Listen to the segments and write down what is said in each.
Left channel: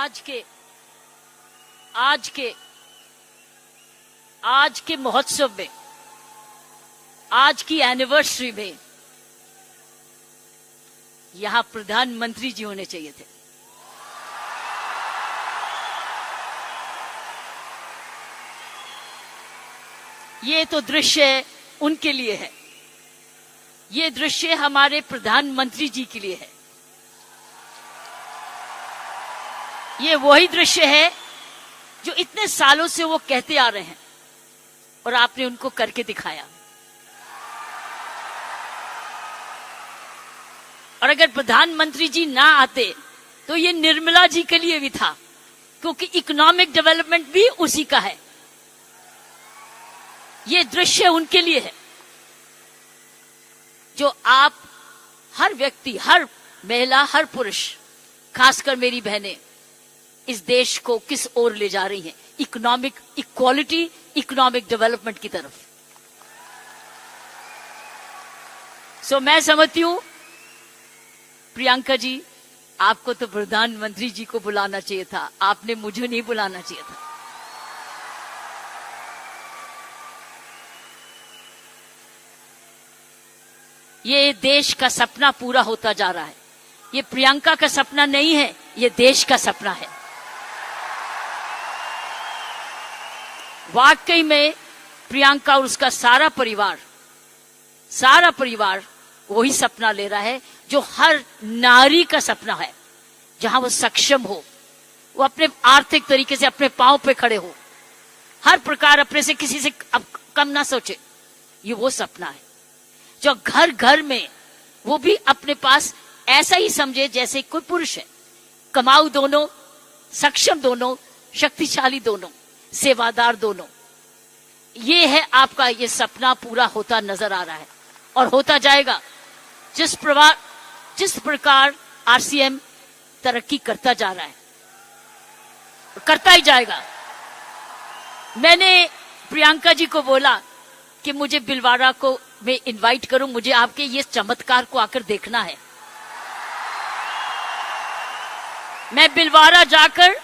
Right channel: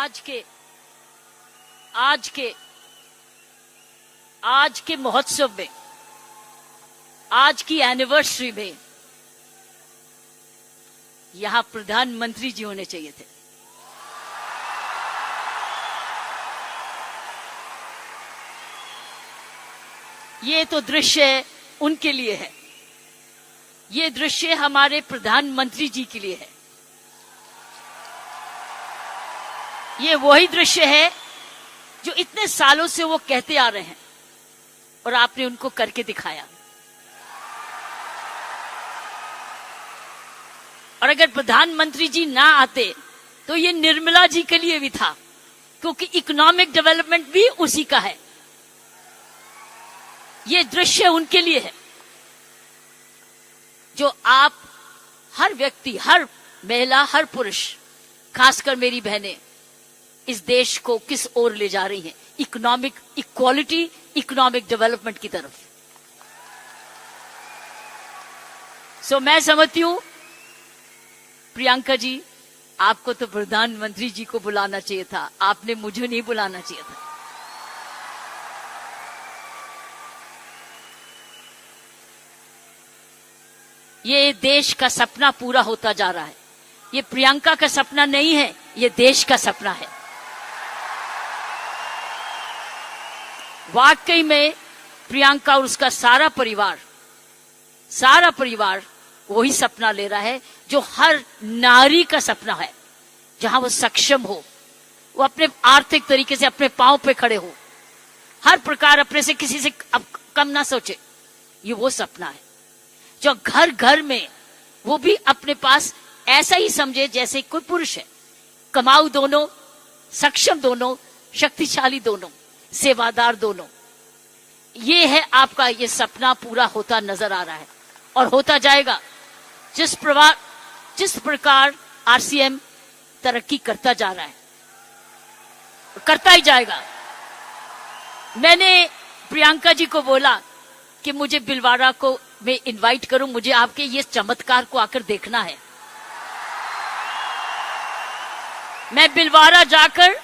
आज के महोत्सव में, आज की एनिवर्सरी में यहां प्रधानमंत्री जी होने चाहिए थे। ये तो दृश्य उनके लिए है, ये दृश्य हमारे प्रधानमंत्री जी के लिए है। ये वही दृश्य है जो इतने सालों से वो कहते आ रहे हैं और आपने उनको करके दिखाया। और अगर प्रधानमंत्री जी ना आते तो ये निर्मला जी के लिए भी था, क्योंकि इकोनॉमिक डेवलपमेंट भी उसी का है। ये दृश्य उनके लिए है जो आप हर व्यक्ति, हर महिला, हर पुरुष, खासकर मेरी बहनें, इस देश को किस ओर ले जा रही हैं, इकोनॉमिक इक्वालिटी, इकोनॉमिक डेवलपमेंट की तरफ। मैं समझती हूं प्रियंका जी, आपको तो प्रधानमंत्री जी को बुलाना चाहिए था, आपने मुझे नहीं बुलाना चाहिए था। ये देश का सपना पूरा होता जा रहा है। ये प्रियंका का सपना नहीं है, ये देश का सपना है। वाकई में प्रियंका और उसका सारा परिवार वही सपना ले रहा है जो हर नारी का सपना है, जहां वो सक्षम हो, वो अपने आर्थिक तरीके से अपने पांव पे खड़े हो, हर प्रकार अपने से किसी से कम ना सोचे। ये वो सपना है जो घर घर में वो भी अपने पास ऐसा ही समझे जैसे कोई पुरुष है। कमाऊ दोनों, सक्षम दोनों, शक्तिशाली दोनों, सेवादार दोनों। ये है आपका, ये सपना पूरा होता नजर आ रहा है और होता जाएगा। जिस प्रकार आरसीएम तरक्की करता जा रहा है, करता ही जाएगा। मैंने प्रियंका जी को बोला कि मुझे बिलवाड़ा को मैं इनवाइट करूं, मुझे आपके ये चमत्कार को आकर देखना है। मैं बिलवाड़ा जाकर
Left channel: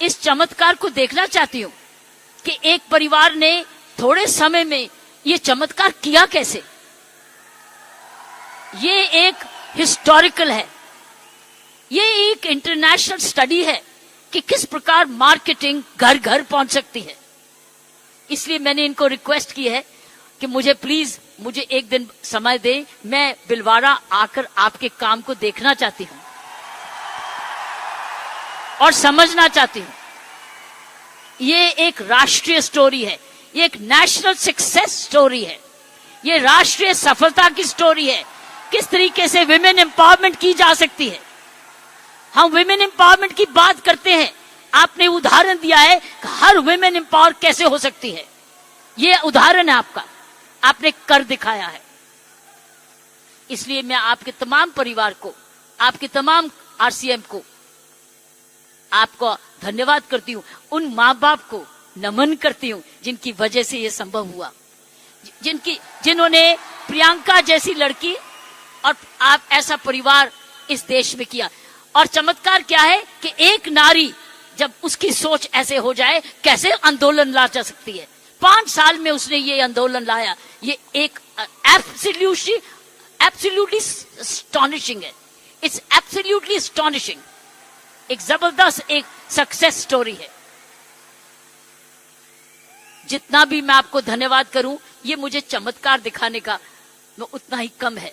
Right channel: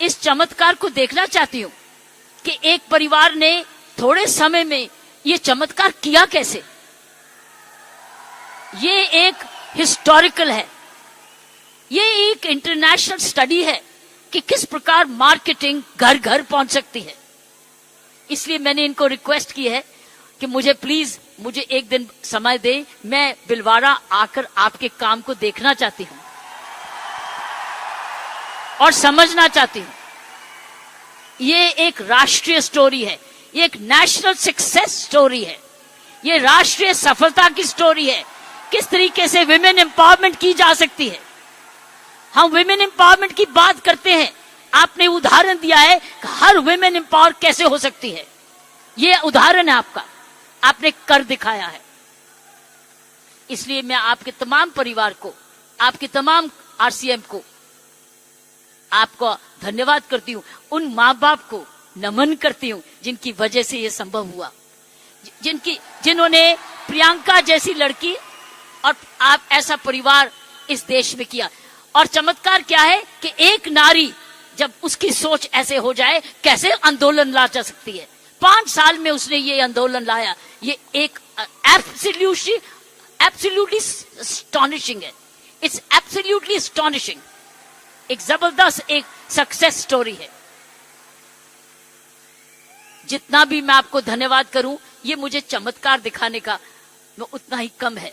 इस चमत्कार को देखना चाहती हूं कि एक परिवार ने थोड़े समय में ये चमत्कार किया कैसे। ये एक हिस्टोरिकल है, ये एक इंटरनेशनल स्टडी है कि किस प्रकार मार्केटिंग घर घर पहुंच सकती है। इसलिए मैंने इनको रिक्वेस्ट की है कि मुझे प्लीज मुझे एक दिन समय दे, मैं बिलवाड़ा आकर आपके काम को देखना चाहती हूं और समझना चाहती हूं। ये एक राष्ट्रीय स्टोरी है, ये एक नेशनल सक्सेस स्टोरी है, ये राष्ट्रीय सफलता की स्टोरी है। किस तरीके से विमेन एम्पावरमेंट की जा सकती है। हम विमेन एम्पावरमेंट की बात करते हैं, आपने उदाहरण दिया है कि हर विमेन एम्पावर कैसे हो सकती है। ये उदाहरण है आपका, आपने कर दिखाया है। इसलिए मैं आपके तमाम परिवार को, आपके तमाम आरसीएम को, आपको धन्यवाद करती हूं। उन माँ बाप को नमन करती हूं जिनकी वजह से यह संभव हुआ, जिन्होंने प्रियंका जैसी लड़की और आप ऐसा परिवार इस देश में किया। और चमत्कार क्या है कि एक नारी जब उसकी सोच ऐसे हो जाए, कैसे आंदोलन ला जा सकती है। 5 साल में उसने ये आंदोलन लाया। ये एक एब्सोल्युटली अस्टॉनिशिंग है। It's absolutely astonishing. एक जबरदस्त एक सक्सेस स्टोरी है। जितना भी मैं आपको धन्यवाद करूं, ये मुझे चमत्कार दिखाने का उतना ही कम है।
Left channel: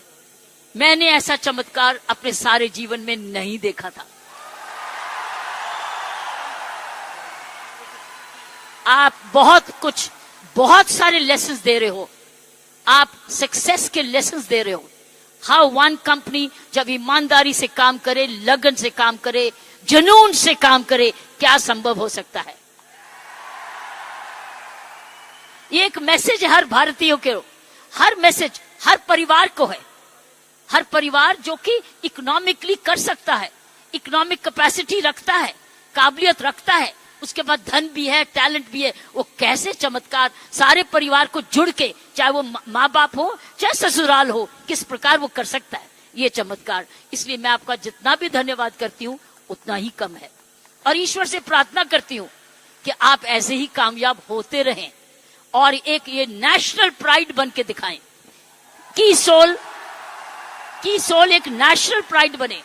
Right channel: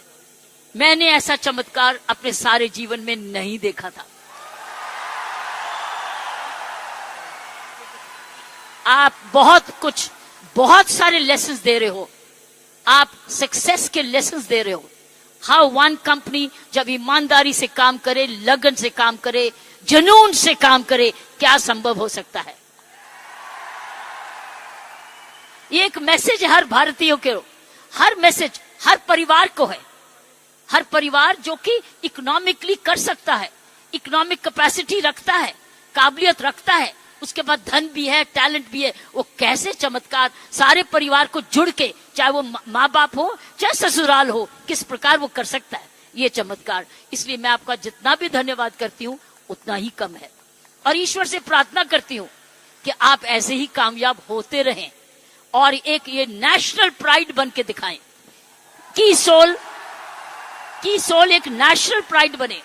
मैंने ऐसा चमत्कार अपने सारे जीवन में नहीं देखा था। आप बहुत सारे लेसन्स दे रहे हो, आप सक्सेस के लेसन्स दे रहे हो। हाउ वन कंपनी जब ईमानदारी से काम करे, लगन से काम करे, जुनून से काम करे, क्या संभव हो सकता है। ये एक मैसेज हर भारतीयों के, हर मैसेज हर परिवार को है। हर परिवार जो कि इकोनॉमिकली कर सकता है, इकोनॉमिक कैपेसिटी रखता है, काबिलियत रखता है, उसके बाद धन भी है, टैलेंट भी है, वो कैसे चमत्कार सारे परिवार को जुड़ के, चाहे वो माँ बाप हो चाहे ससुराल हो, किस प्रकार वो कर सकता है ये चमत्कार। इसलिए मैं आपका जितना भी धन्यवाद करती हूँ उतना ही कम है। और ईश्वर से प्रार्थना करती हूं कि आप ऐसे ही कामयाब होते रहें और एक ये नेशनल प्राइड बन के दिखाएं। की सोल एक नेशनल प्राइड बने।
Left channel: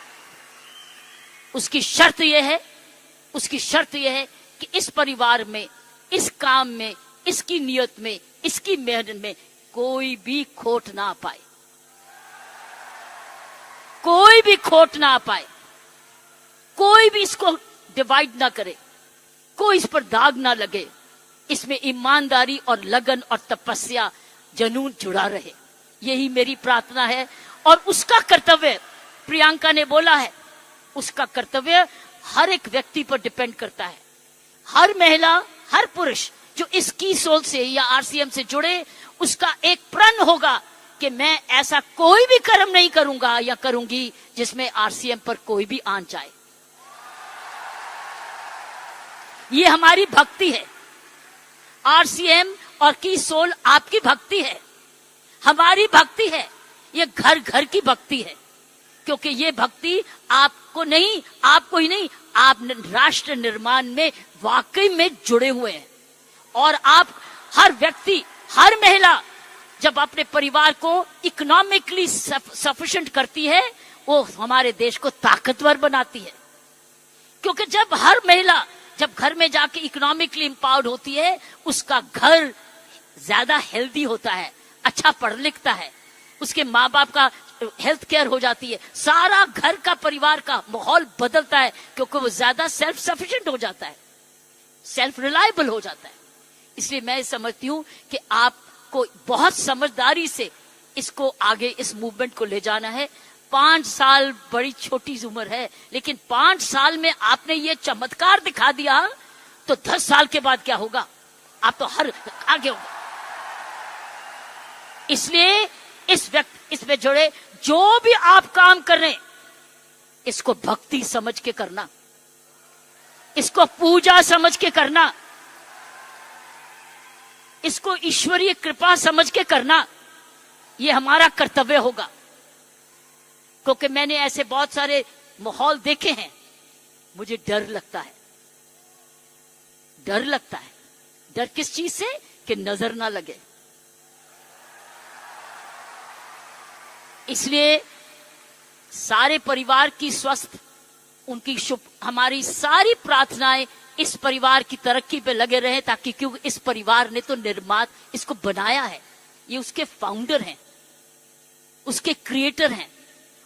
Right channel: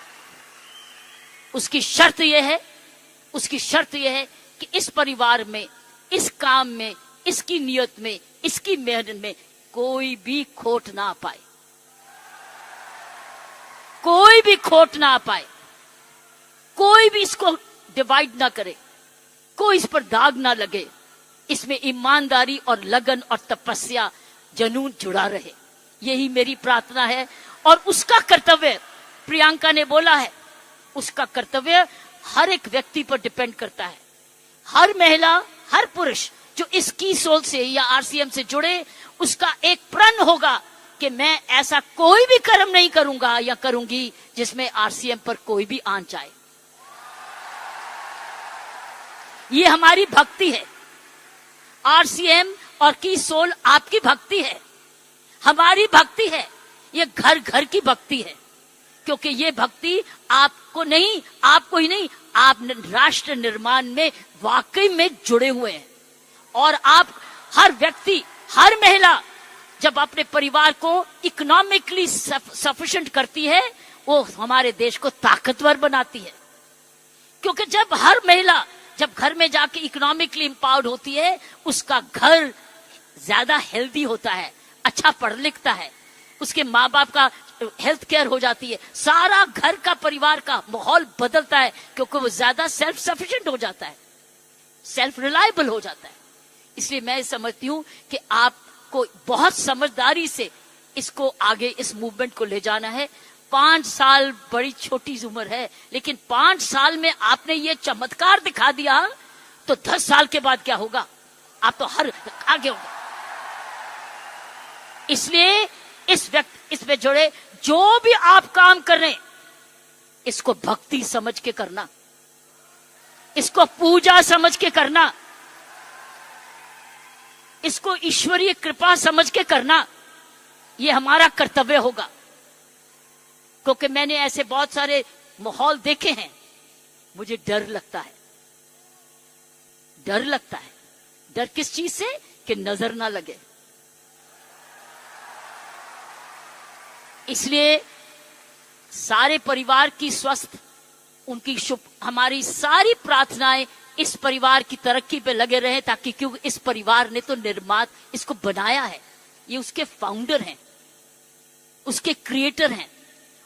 उसकी शर्त यह है कि इस परिवार में, इस काम में, इसकी नियत में, इसकी मेहनत में कोई भी खोट ना पाए, कोई भी खोट ना पाए, कोई भी इसको डिवाइड ना करे, कोई इस पर दाग ना लगे। इसमें ईमानदारी और लगन और तपस्या, जुनून जुड़ा रहे, यही मेरी प्रार्थना है। और उसका कर्तव्य, प्रियंका ने बोला है, उसका कर्तव्य हर एक व्यक्ति पर डिपेंड करता है। हर महिला, हर पुरुष जो इस की सोल से या आरसीएम से जुड़े, उसका एक प्रण होगा कि मैं ऐसा कोई भी कर्म नहीं करूंगा या करूंगी जिसमें आरसीएम पर कोई भी आंच जाए। ये हमारी भक्ति है। आरसीएम और की सोल आपकी भक्ति है, हमारी भक्ति है। ये घर घर की भक्ति है, क्योंकि ये भक्ति आपको ही नहीं, आप राष्ट्र निर्माण में वाकई में जुड़े हुए हैं। और आप हर व्यक्ति, हर महिला जब अपने परिवार को इकोनॉमिकली सफिशिएंट करती है, वो हमारे देश को ताकतवर बनाती है। क्योंकि जब हर महिला जब घर में जाके इकोनॉमिकली एम्पावर्ड होती है, उसका घर ज्यादा हेल्दी होता है, अच्छा पढ़ लिखता है, उसके माँ बाप का हेल्थ केयर हो जाती है, सारा घर का परिवार का माहौल बदलता है, क्योंकि वो ज्यादा सेल्फ सफिशिएंट हो जाता है, सेल्फ रिलायबल हो जाता है। इसलिए मैं समझती हूँ कि आपको बहुत समझदारी से इसको आगे, इस मूवमेंट को ले जाना है। 5 साल बड़ी छोटी उम्र है, लेकिन 5 साल में आपने ये चमत्कार दिखा दिया, तो 10 साल के बाद क्या होगा? आप तो हर आगे होंगे। इसलिए इसमें जुड़े जो भी आप काम कर रहे हैं, इसको भक्ति समझ के करना, इसको पूजा समझ के करना, इसको ईश्वरीय कृपा समझ के करना, ये हमारा कर्तव्य होगा। क्योंकि मैंने ऐसे बहुत सारे माहौल देखे हैं, मुझे डर लगता है। डर किस चीज से? कि नजर ना लगे। इसलिए सारे परिवार की स्वस्थ, उनकी शुभ, हमारी सारी प्रार्थनाएं इस परिवार की तरक्की पे लगे रहे, ताकि क्योंकि इस परिवार ने तो इसको बनाया है, ये उसके फाउंडर हैं, उसके क्रिएटर हैं।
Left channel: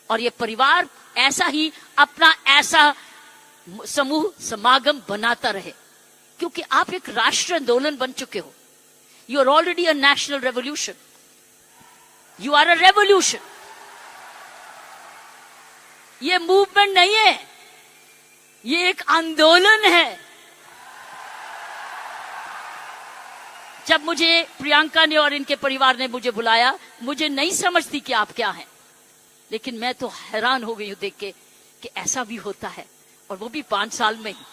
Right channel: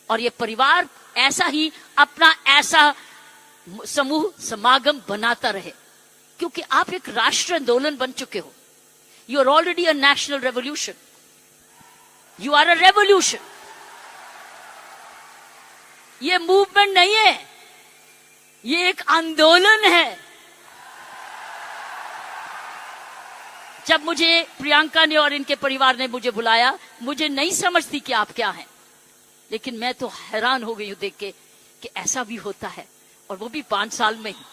और ये परिवार ऐसा ही अपना ऐसा समूह समागम बनाता रहे, क्योंकि आप एक राष्ट्र आंदोलन बन चुके हो। You are already a national revolution, you are a revolution. ये मूवमेंट नहीं है, ये एक आंदोलन है। जब मुझे प्रियंका ने और इनके परिवार ने मुझे बुलाया, मुझे नहीं समझती कि आप क्या हैं, लेकिन मैं तो हैरान हो गई हूं देख के कि ऐसा भी होता है, और वो भी 5 साल में ही।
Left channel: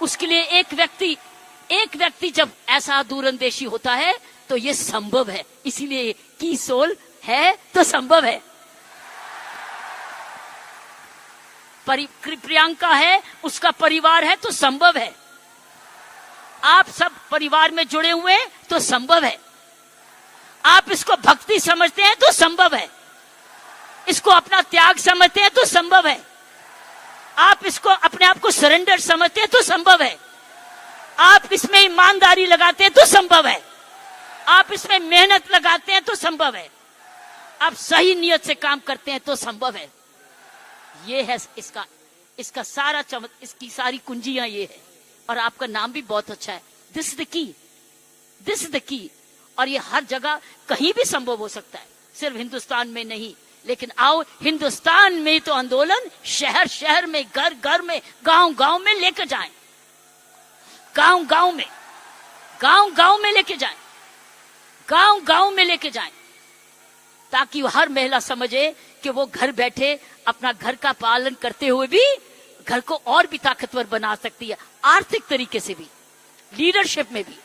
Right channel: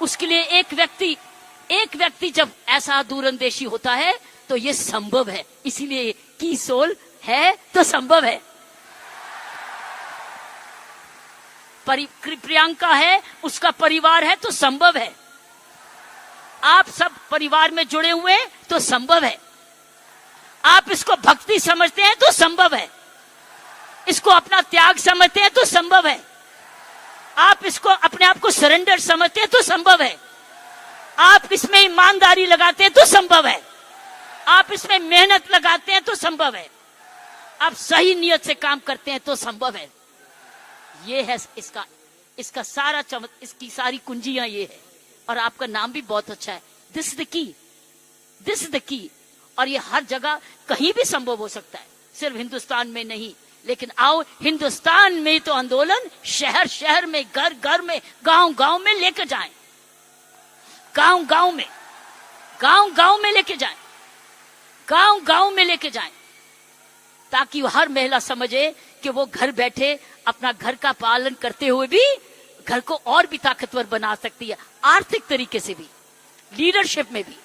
उसके लिए एक व्यक्ति जब ऐसा दूरंदेशी होता है तो ये संभव है। इसीलिए की सोल है तो संभव है। प्रियंका है, उसका परिवार है तो संभव है। आप सब परिवार में जुड़े हुए हैं तो संभव है। आप इसको भक्ति समझते हैं तो संभव है। इसको अपना त्याग समझते हैं तो संभव है। आप इसको अपने आप को सरेंडर समझते हैं तो संभव है। आप इसमें ईमानदारी लगाते हैं तो संभव है। आप इसमें मेहनत लगाते हैं तो संभव है। आप सही नियत से काम करते हैं तो संभव है। ये है इसका सारा इसकी सारी कुंजियां ये है। और आपका नाम भी बहुत अच्छा है, दिस इज द की। और ये हर जगह कहीं भी संभव हो सकता है, सिर्फ हिंदुस्तान में नहीं। लेकिन आओ, हिंदुस्तान में तो आंदोलन शहर शहर में, घर घर में, गांव गांव में लेकर जाएं, गांव गांव में लेके जाएं, गांव गांव में लेके जाएं, ताकि हर महिला समझे कि वो घर बैठे अपना घर का पालन करते हुए भी घर को और भी ताकतवर बना सकती है, आर्थिक तरीके से भी, लीडरशिप में भी।